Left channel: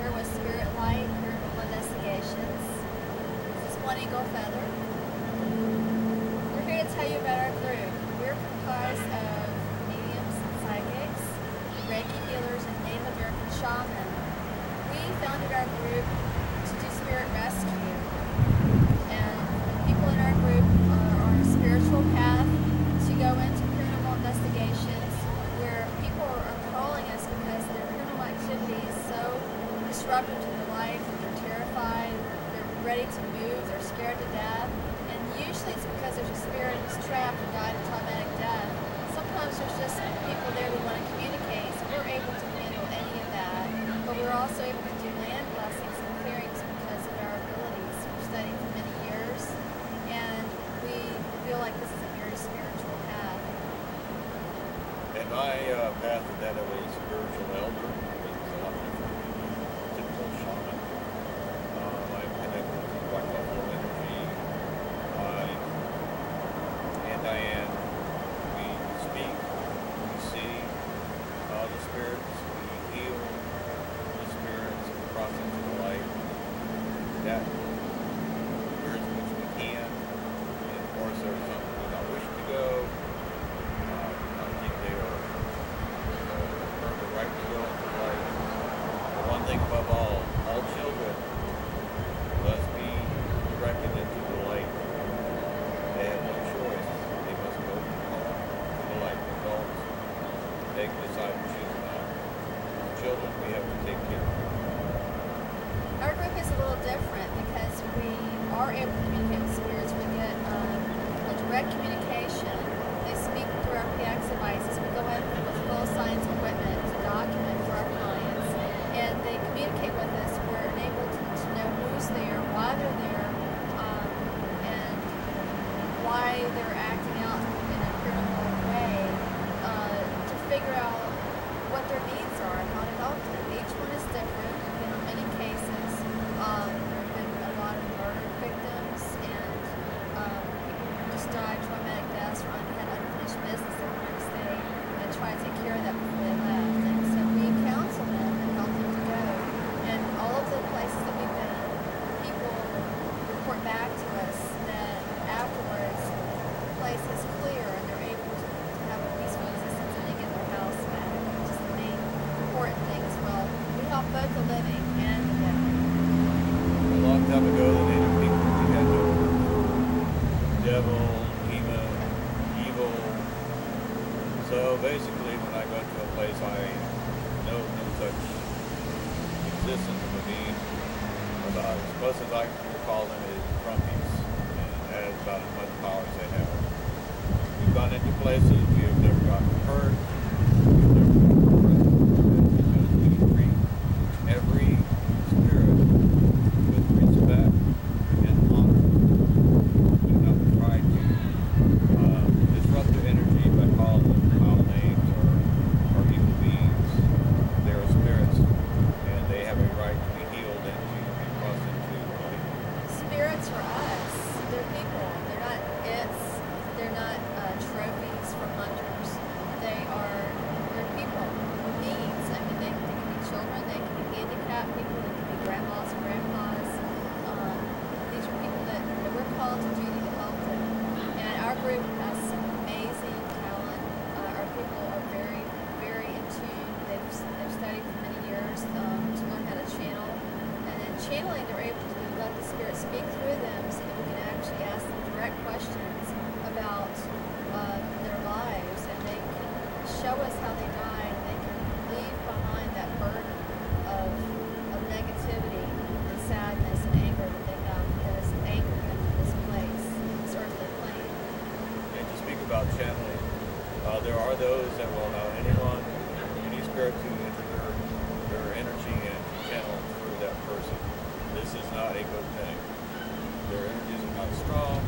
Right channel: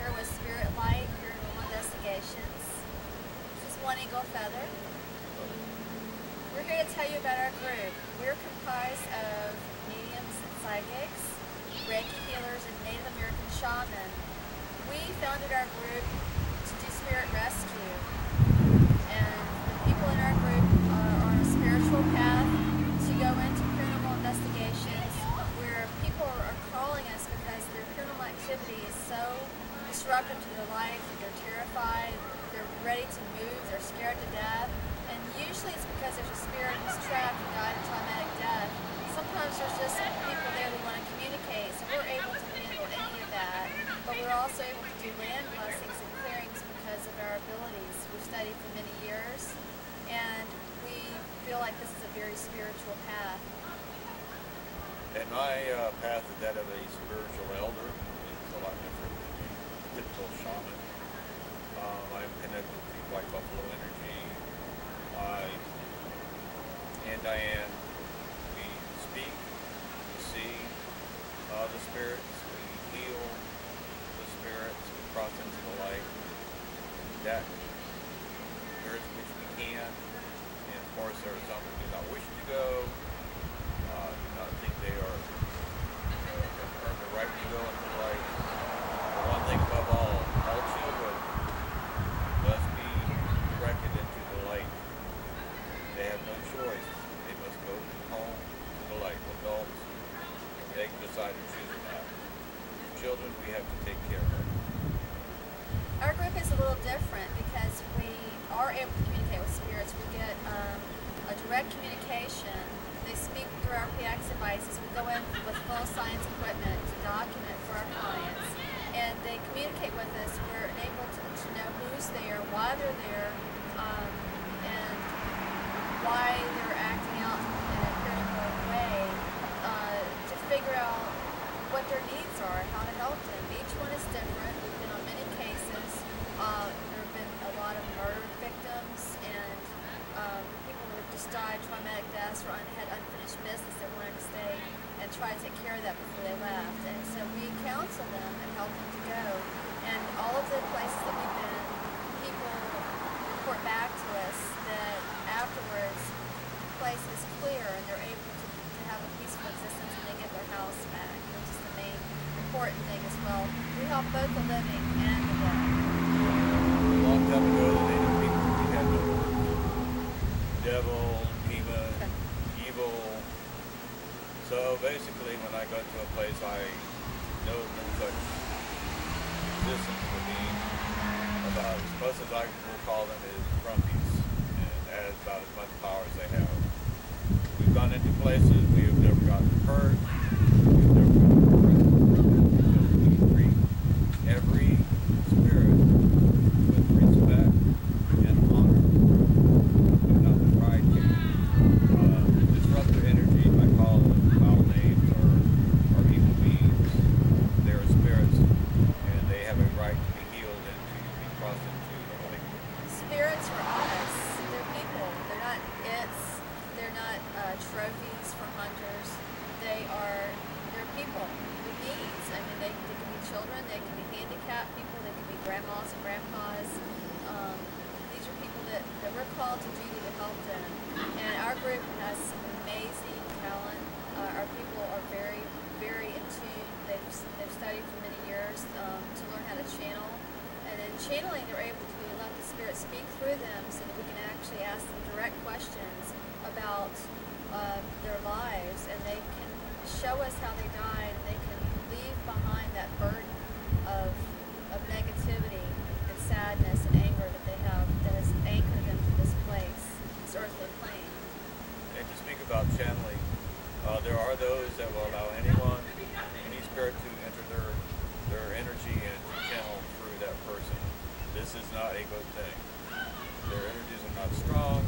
Fisher with Spiritlight Paranormal Investigations. This is One Eagle Feather. We're here to tell you about our group. We're comprised of mediums and psychics, Reiki healers, and Native American shamans. We founded our group to do spirit rescue, and the people in our group are on a spiritual path to go into paranormal investigations where people are calling us because their paranormal activity is so disruptive to their life that they're terrified, they're ready to move, they're scared to death, and usually it's because there's a spirit who's trapped and died a traumatic death. Sometimes there's just people there who want to communicate, so we're able to handle any of that, but we're also able to do land blessings and clearings because of our abilities. We've studied for many years, and we feel like this is a very spiritual path. And my path is that of a spiritual elder. It's a lot different than the typical shaman. I'm connected to White Buffalo energy. And Diane, we speak, we see the spirits, we heal the spirits, we cross into the light. That spirits which we can. And of course, there are some who do not wish to go. I think they are earn the right to go into light. But one thing above all children must be directed into the light. They have no choice. They must go from home to the light. Adults, they can decide to choose that. Children, we have to take care of. Our group is a little different because we are able to communicate with spirits. We get a direct communication. They speak through our PIX devices. We go in with full science equipment to document for our clients, and they communicate with us. We're able to know who's there, why they're there, and why they're acting out in a paranormal way, to figure out what their needs are and how to help them. Each one is different. We've been on many cases. There have been a lot of murder victims and people who just died traumatic deaths or had unfinished business they wanted to stay and try to take care of that before they left. And so we counsel them and help them to go. And all of the places that we've been, people report back to us that afterwards the place is clear and they're able to have a peaceful existence and they get their house back, which is the main important thing as well. We help both the living and the dead. A long time ago, the native people, we had no devil, demon, evil. So basically, when I go to a place, I know no such existence of a being. About as close as I will call them is grumpies, and that is about as much power as they have. We've gone into places, we have never gotten hurt, we've never gotten depressed. That's because we treat every spirit with respect and honor. Do not try to disrupt their energy by calling them foul names or evil beings. They are spirits, and they have a right to be healed and to be crossed into the light. Spirits are us. They're people. They're not its. They're not trophies from hunters. They're people with needs. I mean, they can be children, they can be handicapped people, they can be grandmas and grandpas. These are people that we're called to duty to help them. And our group has some amazing talent. Our people are very, very in tune. They've studied for many years to learn how to channel. And in channeling, they're able to let the spirit speak through them so that we can actually ask them direct questions about their lives, and they can show us how they died, and they can leave behind that burden of negativity and sadness and anger that they have that has anchored them to this place, this earthly plane. And to speak about channeling, there are those that will allow anyone, any spirit to enter their energy and to channel through that person. This is not a good thing. Their energies are not strong.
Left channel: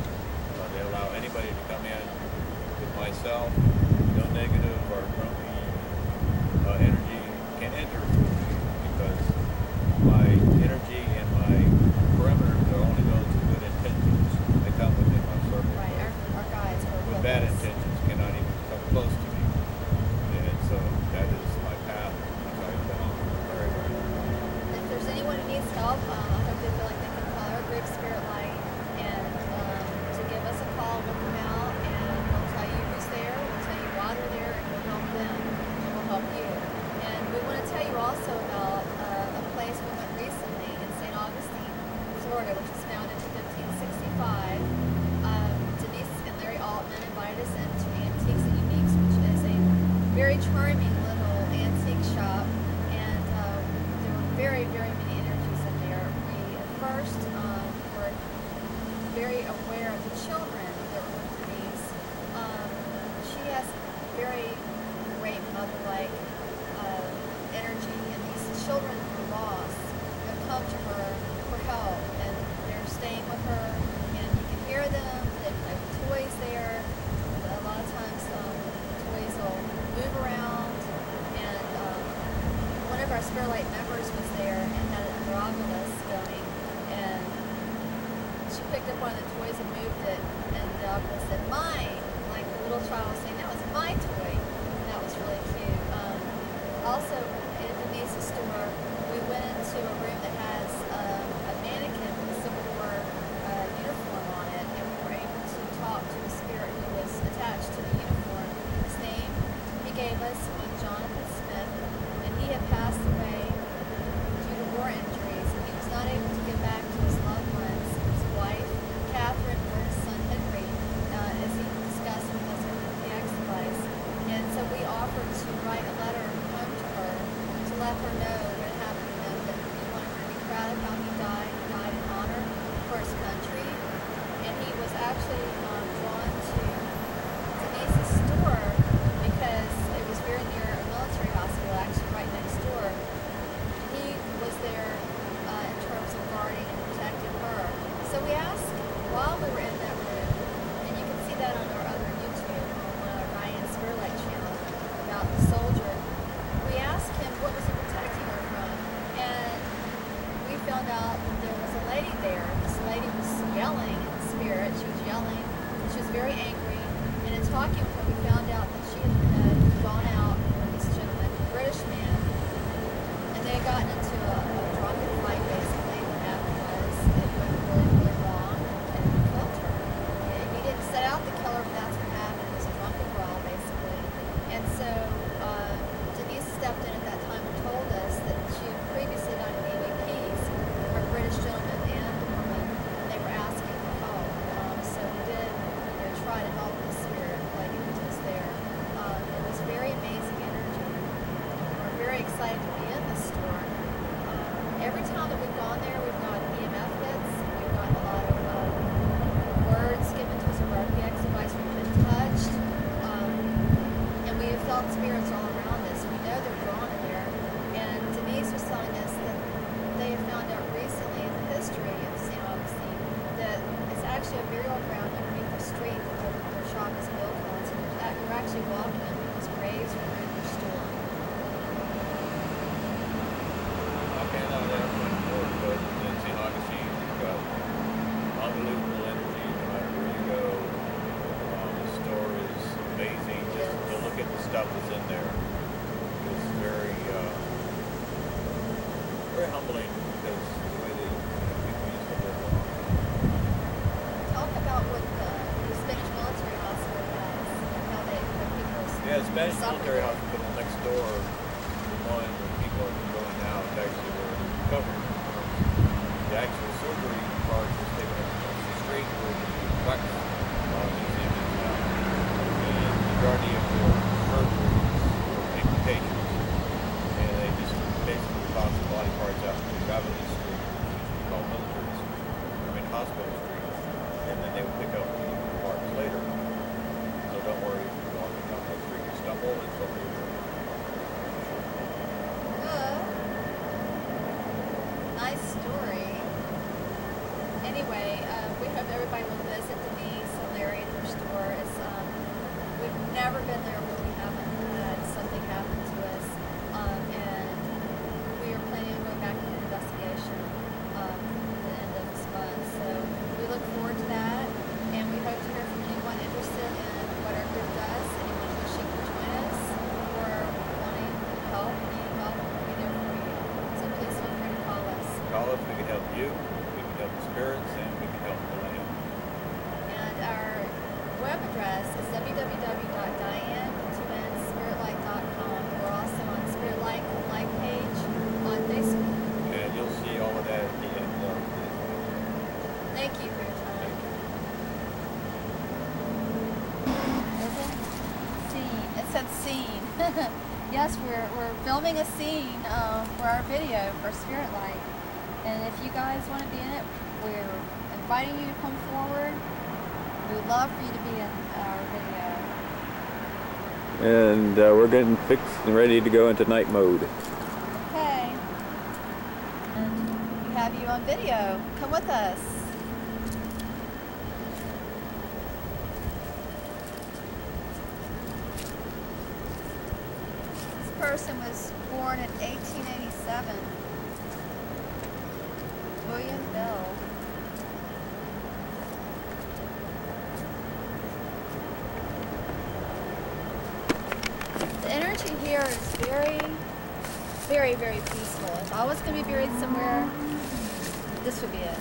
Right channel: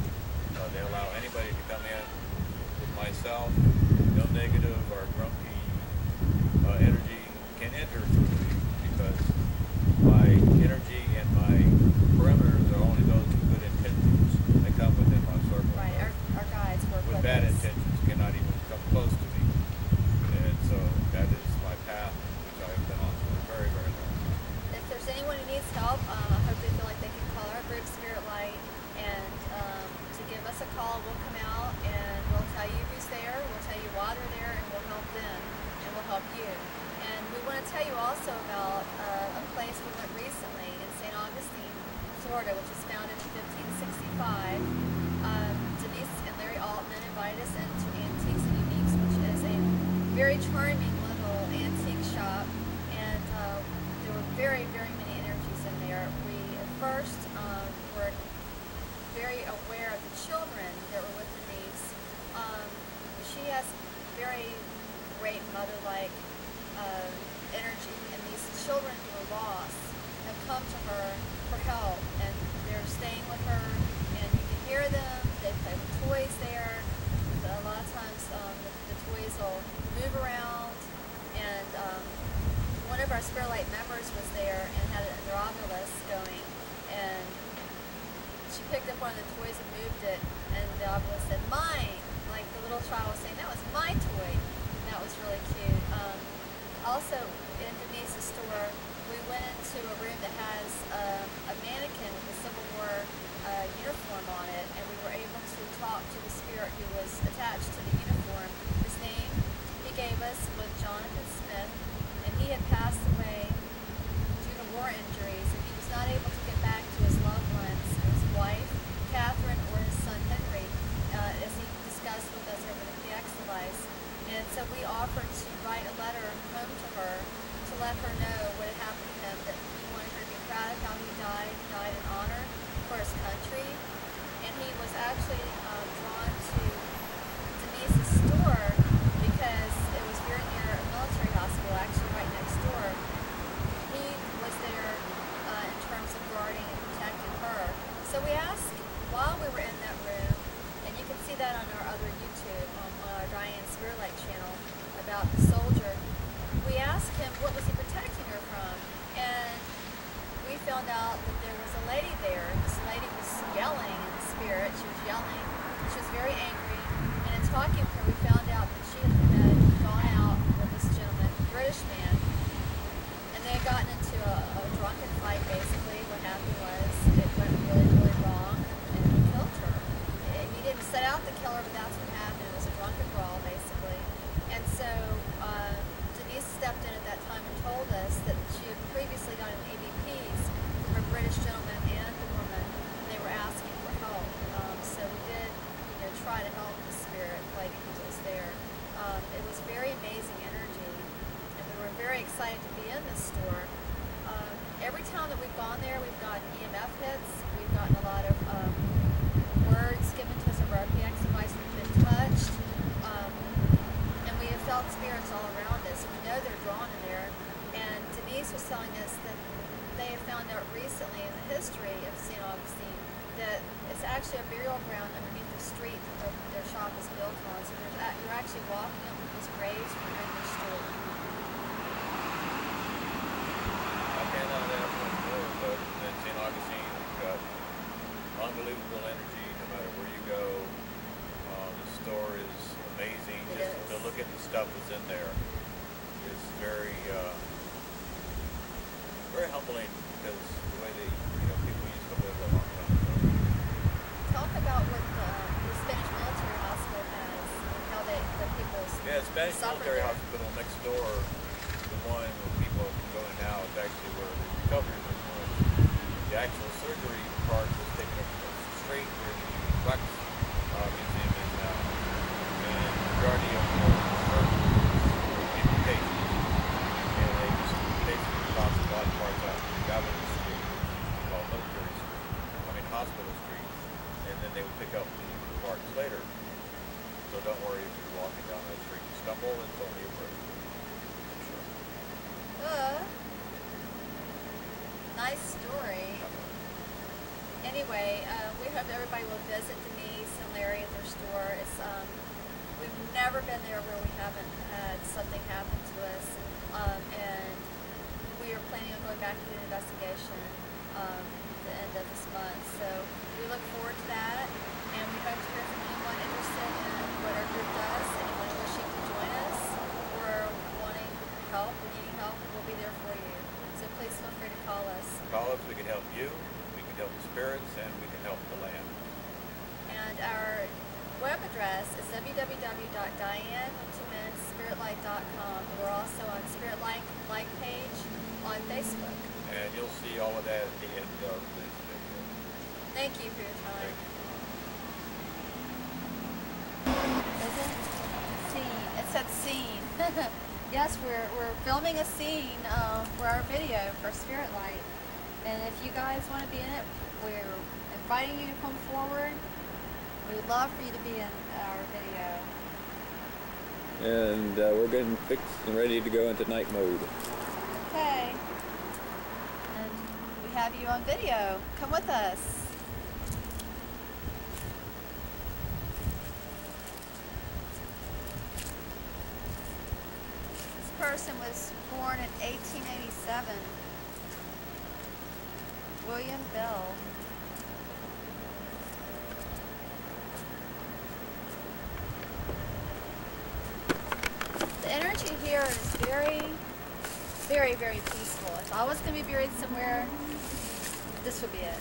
They allow anybody to come in. With myself, no negative or grumpy energy can enter through me because my energy and my perimeters are only those with good intentions. They come within my circle. Right, our guides work with bad intentions cannot even come close to me. And so that is my path, which I have been on for a very, very long time. If there's anyone who needs help, I hope they feel like they can call our group Spiritlight and to give us a call. We'll come out and we'll tell you who's there, we'll tell you why they're there, and we'll help them and we'll help you. And we want to tell you also about a place we went recently in St. Augustine, Florida, which was founded in 1565. Denice and Larry Altman invited us into Antiques and Uniques, which is a very charming little antique shop, and there were very, very many energies in there. We at first were very aware of the children that were with Denice. She has very great mother-like energy, and these children who are lost have come to her for help, and they're staying with her, and you can hear them. They play with toys there. A lot of times the toys will move around, and one of our Spiritlight members was there and had an androgynous going, and she picked up one of the toys and moved it, and the androgynous said, "Mine!" Like the little child was saying, "That was my toy." And that was really cute. Also, in Denise's store, we went into a room that has a mannequin with a Civil War uniform on it, and we were able to talk to the spirit who was attached to the uniform. His name he gave us was Jonathan Smith, and he had passed away due to war injuries, and he was not able to get back to his loved ones, his wife, Catherine, or his son, Henry, as he discussed with us over the PX device. And so we offered to write a letter home to her to let her know what had happened to him, that he wanted her to be proud of how he died. He died in honor for his country. And he was actually drawn to Denise's store because it was very near a military hospital, actually right next door. He was there in terms of guarding and protecting her. So we asked, while we were in that room, and you can see that on our other YouTube, on our Diane Spiritlight channel, about the soldier, we asked him what was he protecting her from, and we found out that there was a lady there. This lady was yelling in the spirit. She was yelling, and she was very angry, and in talking with her, we found out that she had gone out with this gentleman, a British man, and they had gotten into a drunken fight. Basically, what happened was it went really, really wrong, and he killed her. He didn't set out to kill her, but that's what happened. It was a drunken brawl, basically. And so Denice stepped in at that time and told us that she had previously gotten ABPs from a British gentleman and a woman, and they were asking for help. So we did, try to help the spirit lady who was there. It was very amazing energy, and we were very excited to be in the store. Every time that we've gone there, we've gotten EMF hits. We've gotten a lot of words given to us over our PX device. We've been touched, and we have felt spirits all around us. We know they're drawn in there, and Denice was telling us that they have found out recently in the history of St. Augustine that it's actually a burial ground underneath the street that their shop is built on. So you're actually walking on people's graves when you're in your store. I cannot ask much more, but in St. Augustine, you've got unbelievable energy no matter where you go. The store is amazing. Just to look at the stuff that's in there is very, very humbling, because the way they, people used to live a long time. Talk about what the Spanish military hospital has and how the people Yeah, the Spanish military there. hospital next door, the one where people can go in now, is actually where the recovery room was. The actual surgery part was taken up across the street where the PIX museum is now. And the majority of the surgeries were amputations, and they just basically toss the body parts out to Gavin Street, which used to be called Military Street, Hospital Street, and then they would pick up the parts later. So don't worry if you're walking down that street, you stumble, it's over your room. Nice story. Anyway, we hope everybody will visit Denice and Larry at their store. It's we've never been there where we haven't had something happen to us, and we are planning on going back to do an investigation at the end of this month. So we look forward to that, and we hope to hear from anyone interested in what our group does, anyone wishing to join us, or wanting help, needing help, we'll be there for you. So please feel free to call us. us, we can help you, we can help the spirits, and we can help the land. And our web address is www.diane2nspiritlight.com. We're also on Spiritlight like page on Facebook. And you'll see all of that at the end of this video. Thank you for your time. Thank you. Is it? Scene. It said scene. Yes, we're filming a scene for our video for Spiritlight. And if you guys want to be in it, we're inviting you to come forward. We would love for you to be in our video. And we're getting fixed and ready to go into night mode. Okay. And we have you on video. Come with us. This person was born in 1887. William Bell. The energy here is very, very, very peaceful. If I was going to be buried somewhere, this would be it.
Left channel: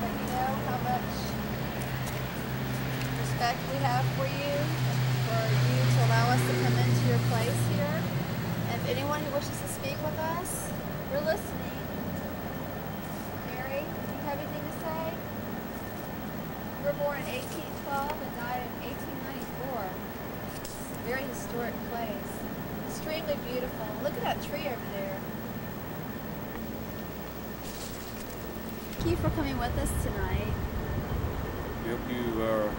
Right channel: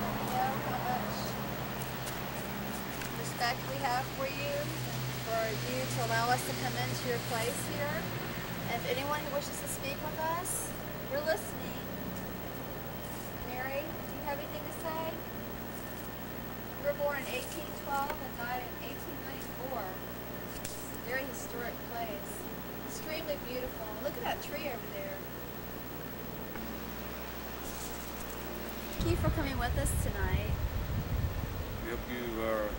Let me know how much respect we have for you to allow us to come into your place here. And if anyone who wishes to speak with us, we're listening. Mary, do you have anything to say? You were born in 1812 and died in 1894. It's a very historic place. Extremely beautiful. Look at that tree over there. Thank you for coming with us tonight. We hope you are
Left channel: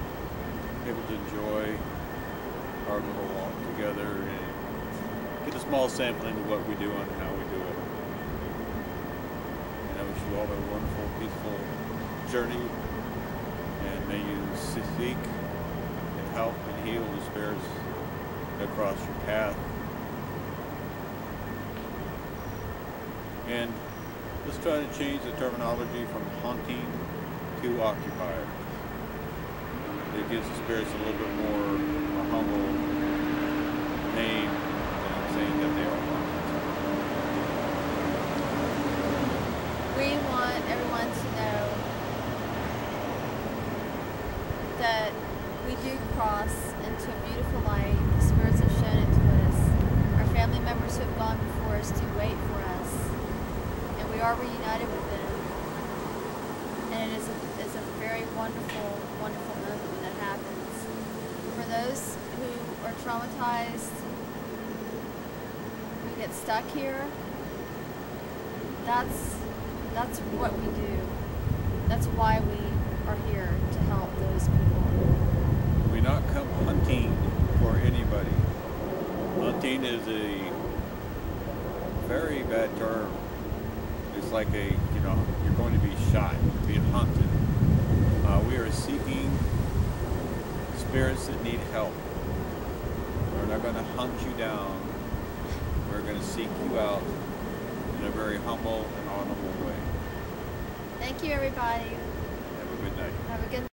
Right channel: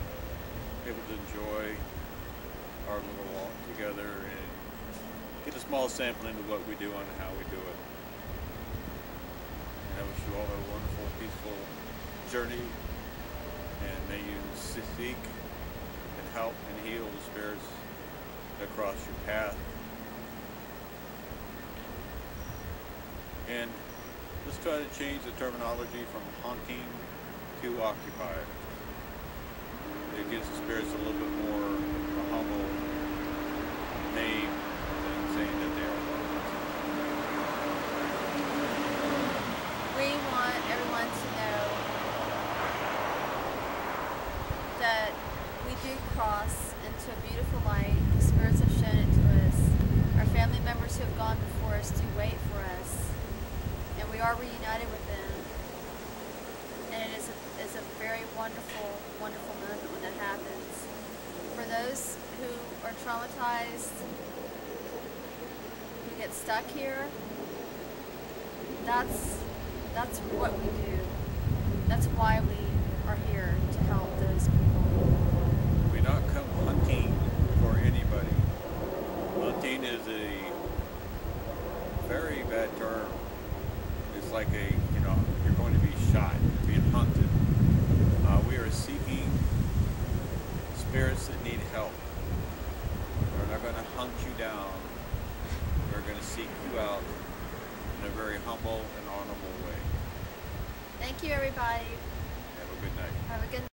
able to enjoy our little walk together and get a small sampling of what we do and how we do it. And I wish you all a wonderful, peaceful journey, and may you seek and help and heal the spirits that cross your path. And let's try to change the terminology from haunting to occupied. It gives the spirits a little bit more a humble name than saying that they are haunted. We want everyone to know that we do cross into a beautiful light. The spirits have shown it to us. Our family members who have gone before us do wait for us. And we are reunited with them. And it is a very wonderful, wonderful moment when that happens. For those who are traumatized, who get stuck here, that's what we do. That's why we are here, to help those people. We not come hunting for anybody. Hunting is a very bad term. It's like you're going to be shot, you're being hunted. We are seeking spirits that need help. We're not going to hunt you down. We're going to seek you out in a very humble and honorable way. Thank you, everybody. Have a good night. Have a good